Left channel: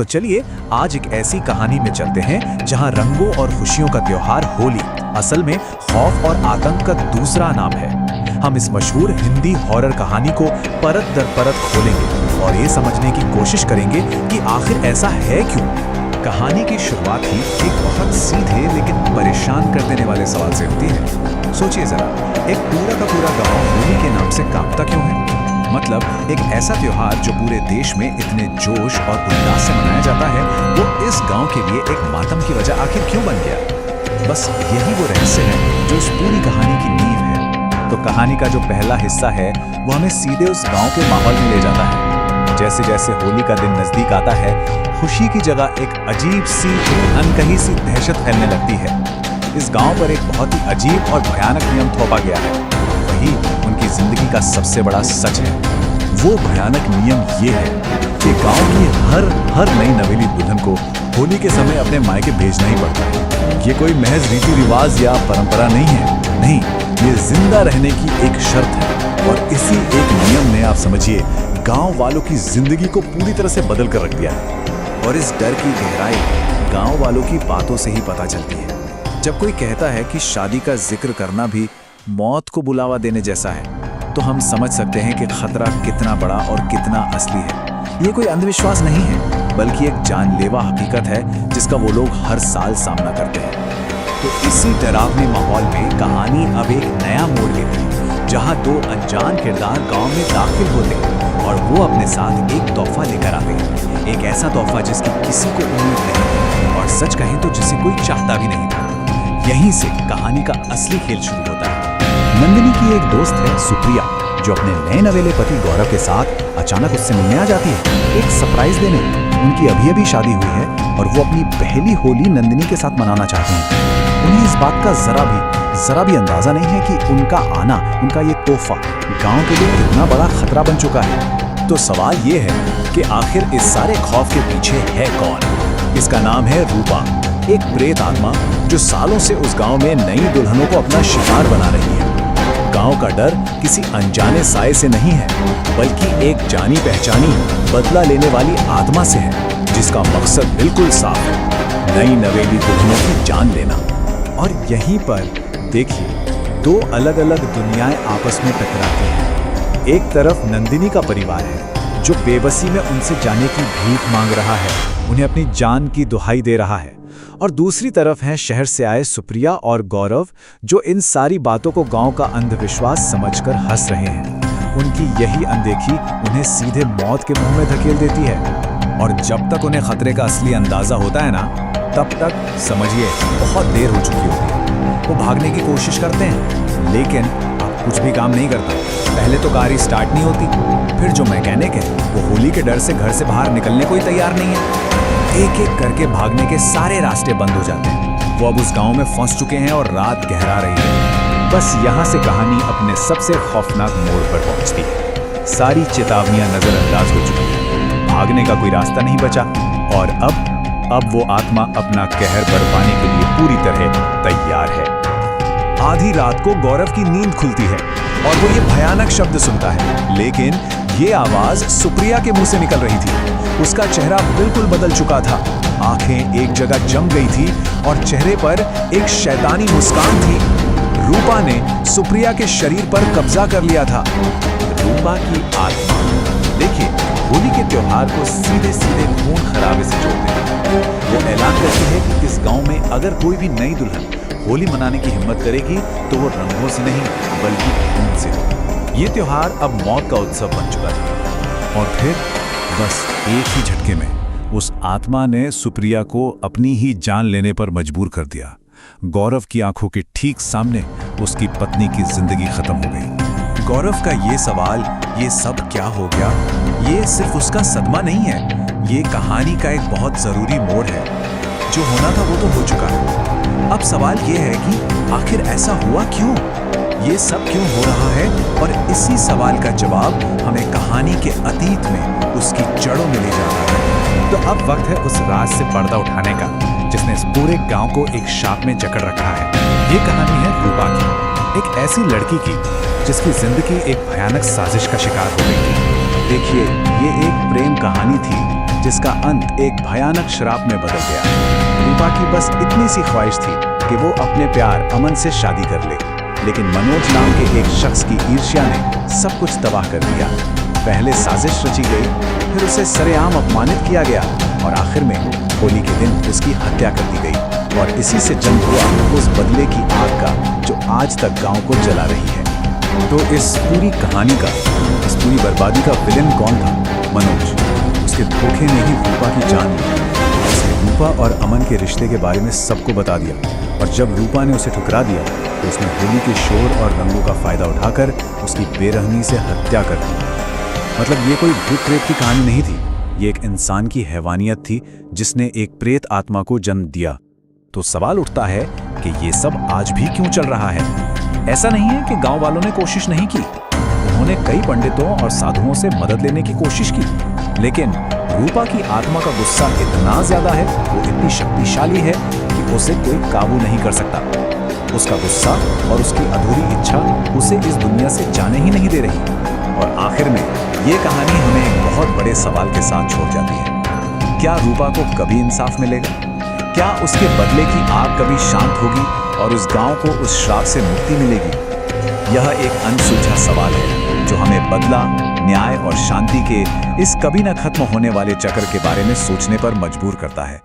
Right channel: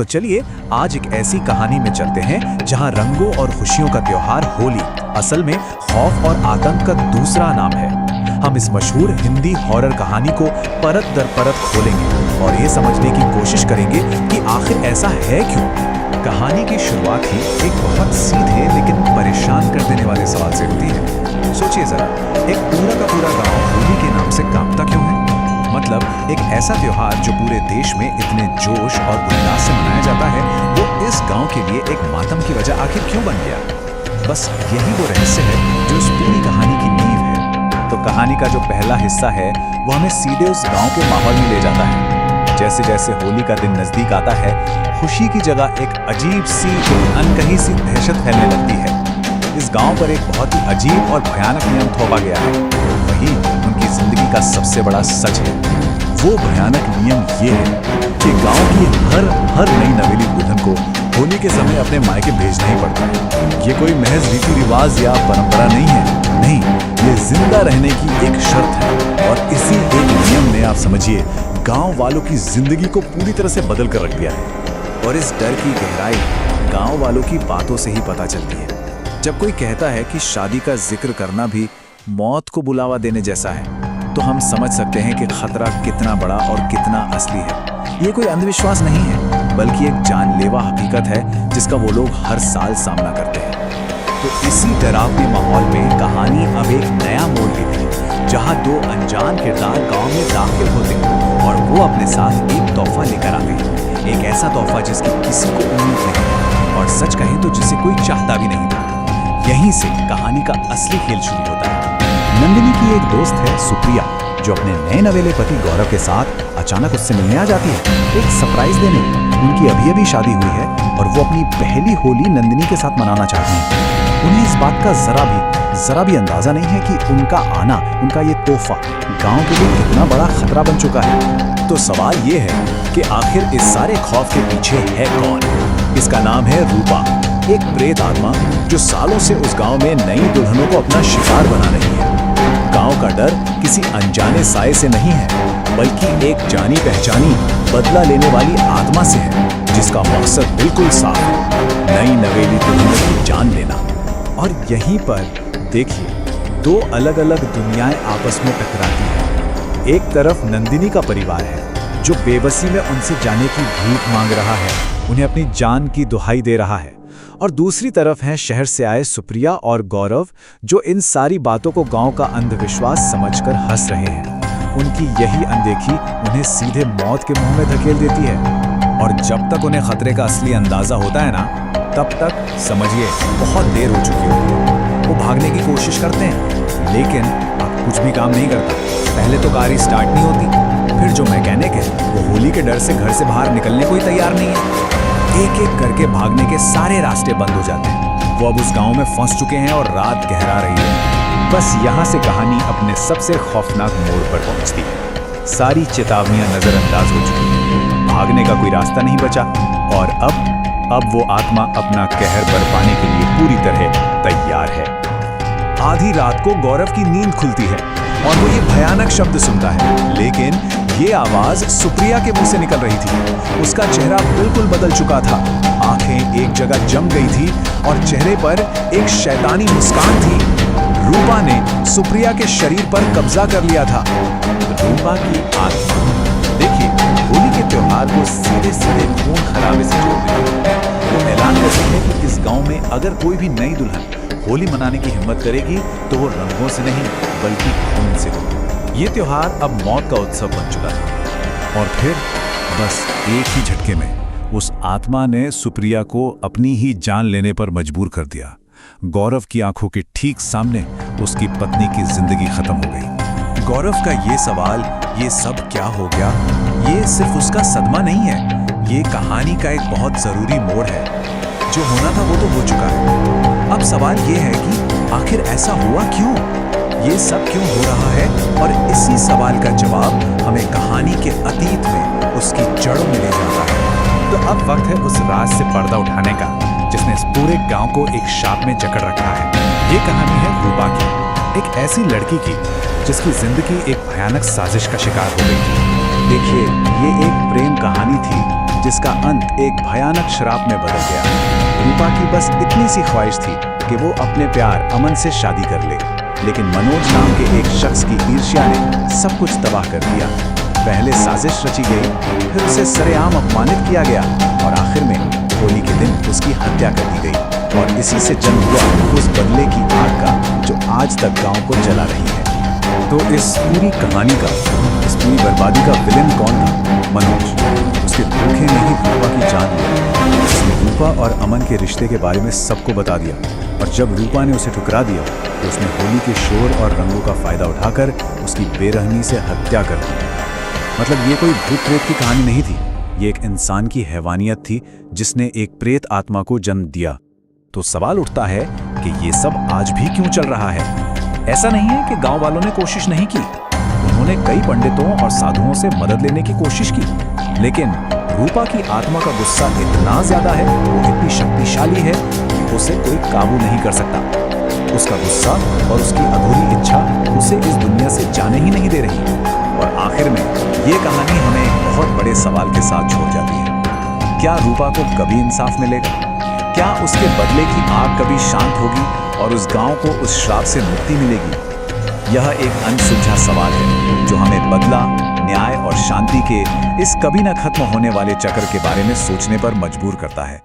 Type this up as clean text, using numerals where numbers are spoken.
तो चलिए आज एक ऐसी कहानी में चलते हैं जहां रंगों और खुशियों का त्योहार होली असल में खौफ और आतंक का दूसरा नाम है। हम इस मशहूर हिंदी हॉरर कहानी को परत दर परत खोलेंगे और ये समझने की कोशिश करेंगे कि आखिर ऐसा है क्यों। कहानी की शुरुआत ही एक बहुत सीधे लेकिन परेशान कर देने वाले सवाल से होती है। सोचिए जरा, एक पूरा का पूरा गांव होली के नाम से कांपता क्यों है? मतलब एक ऐसा त्योहार जो पूरे देश में इतने जोश और उल्लास से मनाया जाता है, वो इस गांव के लिए एक मातम की वजह आखिर क्यों बन गया? बस यही वो रहस्य है जो इस पूरी कहानी की नींव है। तो कहानी का जो पहला हिस्सा है वो हमें सीधे उस गांव के माहौल में ले जाता है। जैसे जैसे होली का दिन नजदीक आता है, खुशी की जगह एक अजीब सी, एक अनकही सी दहशत फैलने लगती है। इस गांव पर एक बहुत ही अजीब और भयानक नियम थोपा गया है। वही उनकी जिंदगी का सबसे बड़ा सच है। वो भयानक नियम ये है कि गांव की हर नई नवेली दुल्हन को होली के समय अपने मायके भेजना ही पड़ता है। ये कोई महज रीति रिवाज या परंपरा नहीं है, नहीं, ये जिंदा रहने की एक शर्त है। और इसी एक नियम ने, आप समझिए, गांव वालों की जिंदगी को पूरी तरह से बदल कर रख दिया है। और इस डर की गहराई गांव वालों की बातों से ही पता चलती है। जब कोई कहता है कि शादी का जिक्र करना भी मौत को बुलावा देने जैसा है, तो हम समझ सकते हैं कि खतरा कितना बड़ा और कितना असली है। ये कोई अंधविश्वास नहीं है, बल्कि एक जानलेवा हकीकत है जिसका वो लोग हर साल सामना करते हैं। तो इसी डरावने माहौल में कहानी अब एक नया मोड़ लेती है, जहां दो अनजान किरदार गांव में दाखिल होते हैं और वो अपने साथ एक तोहफा लेकर आते हैं। एक ऐसा तोहफा जिसकी किसी को उम्मीद नहीं, और सच कहें तो जिसे कोई चाहता भी नहीं था। यहीं से कहानी का असली खेल शुरू होता है। नंदिनी की एक दोस्त है सुप्रिया, जो अपने नए नवेले पति गौरव के साथ अचानक उससे मिलने आ जाती है, एक सरप्राइज देने। उनकी अभी शादी हुई है और वो अपनी पहली होली नंदिनी के साथ मनाना चाहते हैं। उन्हें इस बात का जरा भी अंदाजा नहीं है कि उनका आना, उनका ये तोहफा गांव के लिए कितना बड़ा खतरा बन चुका है। तो सवाल ये है कि आखिर इस सारे खौफ के पीछे है कौन? इसका नाम है रूपा, एक प्रेत आत्मा जो सालों से उस गांव में नई दुल्हनों को अपना शिकार बना रही है। गांव का डर किसी अनजाने साए से नहीं है, बल्कि एक जानी पहचानी बदला लेने वाली आत्मा से है, जिसका मकसद बिल्कुल साफ है, नई नवेली दुल्हनों की जान लेना। और यहीं पर देखिए, दो अलग अलग दुनियाएं आपस में टकराती हैं। एक तरफ नंदिनी का परिवार है जो बेबसी में उनसे जाने की भीख मांग रहा है, उन्हें अपनी जान की दुहाई दे रहा है। और दूसरी तरफ है शहर से आए सुप्रिया और गौरव, जो इन सारी बातों को गांव का अंधविश्वास समझकर हंस रहे हैं। उनकी यही अनदेखी उन्हें सीधे मौत के मुंह में धकेल देती है। और जब तक उन्हें खतरे का असली अंदाजा होता है ना, तब तक समझिए बहुत देर हो चुकी होती है। वो भागने की कोशिश करते हैं, लेकिन अब कुछ भी काम नहीं करता। पहले तो कार ही स्टार्ट नहीं होती, फिर जो मैकेनिक है वो होली के डर से घर से बाहर निकलने को ही तैयार नहीं है। एक एक करके भागने के सारे रास्ते बंद हो जाते हैं। वो अब उस गांव में फंस चुके हैं और रात गहरा रही है। बस यहाँ से कहानी अपने सबसे खौफनाक मोड़ पर पहुंचती है। सारी चेतावनियां नजरअंदाज हो चुकी हैं, भागने का कोई रास्ता नहीं बचा, और अब वो आत्मा अपना कहर बरपाने के लिए पूरी तरह तैयार है। आधी रात को गौरव की नींद खुलती है और वो ये भयानक शब्द सुनता है, लेकिन ये आवाज सुप्रिया के मुंह से निकल रही थी। उसका चेहरा बिल्कुल बदल चुका था, आंखें एक जगह जम गई थी और चेहरे पर एक शैतानी मुस्कान थी। रूपा ने सुप्रिया के शरीर पर कब्जा कर लिया था। रूपा की आत्मा, देखिए, होली के त्योहार को सीधे सीधे खून खराबे से जोड़ देती है। वो ऐलान करती है कि इस गांव में अगर कोई भी नई दुल्हन होली मनाने की हिम्मत करेगी तो वो रंगों से नहीं बल्कि खून से होगी। ये त्योहार अब मौत का उत्सव बन चुका था। और फिर बस एक ही झटके में उस आत्मा ने सुप्रिया को अपनी ही जान लेने पर मजबूर कर दिया। गौरव की आंखों के ठीक सामने उसकी पत्नी की जिंदगी खत्म हो गई। गौरव का ये सवाल, ये सब क्या हो गया, ये सिर्फ उसका सदमा नहीं है, ये कहानी का एक बहुत जरूरी मोड़ है। जो होना था वो तो हो चुका है। अब सवाल ये है कि आखिर ऐसा हुआ क्यों, ये सब क्यों हो रहा है? और इसी सवाल का जवाब हमें कहानी के अतीत में उसकी जड़ों में ले जाता है। तो अब वक्त है उस राज से पर्दा उठाने का, जिसने इस पूरे गांव को एक शाप में जकड़ रखा है। ये कहानी है रूपा की, एक ऐसी लड़की की जिसकी जिंदगी एक भयानक साजिश का शिकार हो गई थी। देखिए, ये एक प्रेम कहानी थी जिसका अंत एक भयानक श्राप में बदल गया। रूपा की बस इतनी सी ख्वाहिश थी कि वो अपने प्यार अमन से शादी कर ले, लेकिन मनोज नाम के एक शख्स की ईर्ष्या ने सब कुछ तबाह कर दिया। पहले साजिश रची गई, फिर उसे सरेआम अपमानित किया गया और आखिर में होली के दिन उसकी हत्या कर दी गई। और इसी से जन्म हुआ उस बदले की आग का जो आज तक गांव को जला रही है। तो इस पूरी कहानी का, इस पूरी बर्बादी का विलेन कौन था? मनोज। उसके धोखे ने ही रूपा की जान ली। उसने रूपा और अमन के रिश्ते के बारे में सबको बता दिया, और जब रूपा ने उसे ठुकरा दिया तो उसने होली के शोर और रंगों का फायदा उठाकर उसकी बेरहमी से हत्या कर दी। मतलब ये कोई भूत प्रेत की कहानी नहीं थी, ये एक इंसान की हैवानियत थी जिसने एक प्रेत आत्मा को जन्म दिया। तो सवाल उठता है कि ये सब आज भी क्यों चल रहा है? ऐसा नहीं है कि गांव वालों ने कोशिश नहीं की, उन्होंने कई पंडितों और साधुओं से मदद लेने की कोशिश की, लेकिन रूपा की आत्मा का गुस्सा इतना ज्यादा है, वो इतनी शक्तिशाली है कि उसे कोई काबू नहीं कर सकता। उसका गुस्सा और उसकी अधूरी इच्छा उसे इस दुनिया से जाने ही नहीं दे रही। और आखिर में ये कहानी हमें एक बहुत बड़े सवाल के साथ छोड़ जाती है। क्या रूपा को कभी इंसाफ मिलेगा? क्या उसके बदले की आग कभी शांत होगी और उस गांव को उस श्राप से मुक्ति मिलेगी? यह एक अनसुलझा सवाल है जो हमें बदला, न्याय और शांति के इस कभी न खत्म होने वाले चक्र के बारे में सोचने पर मजबूर करता है।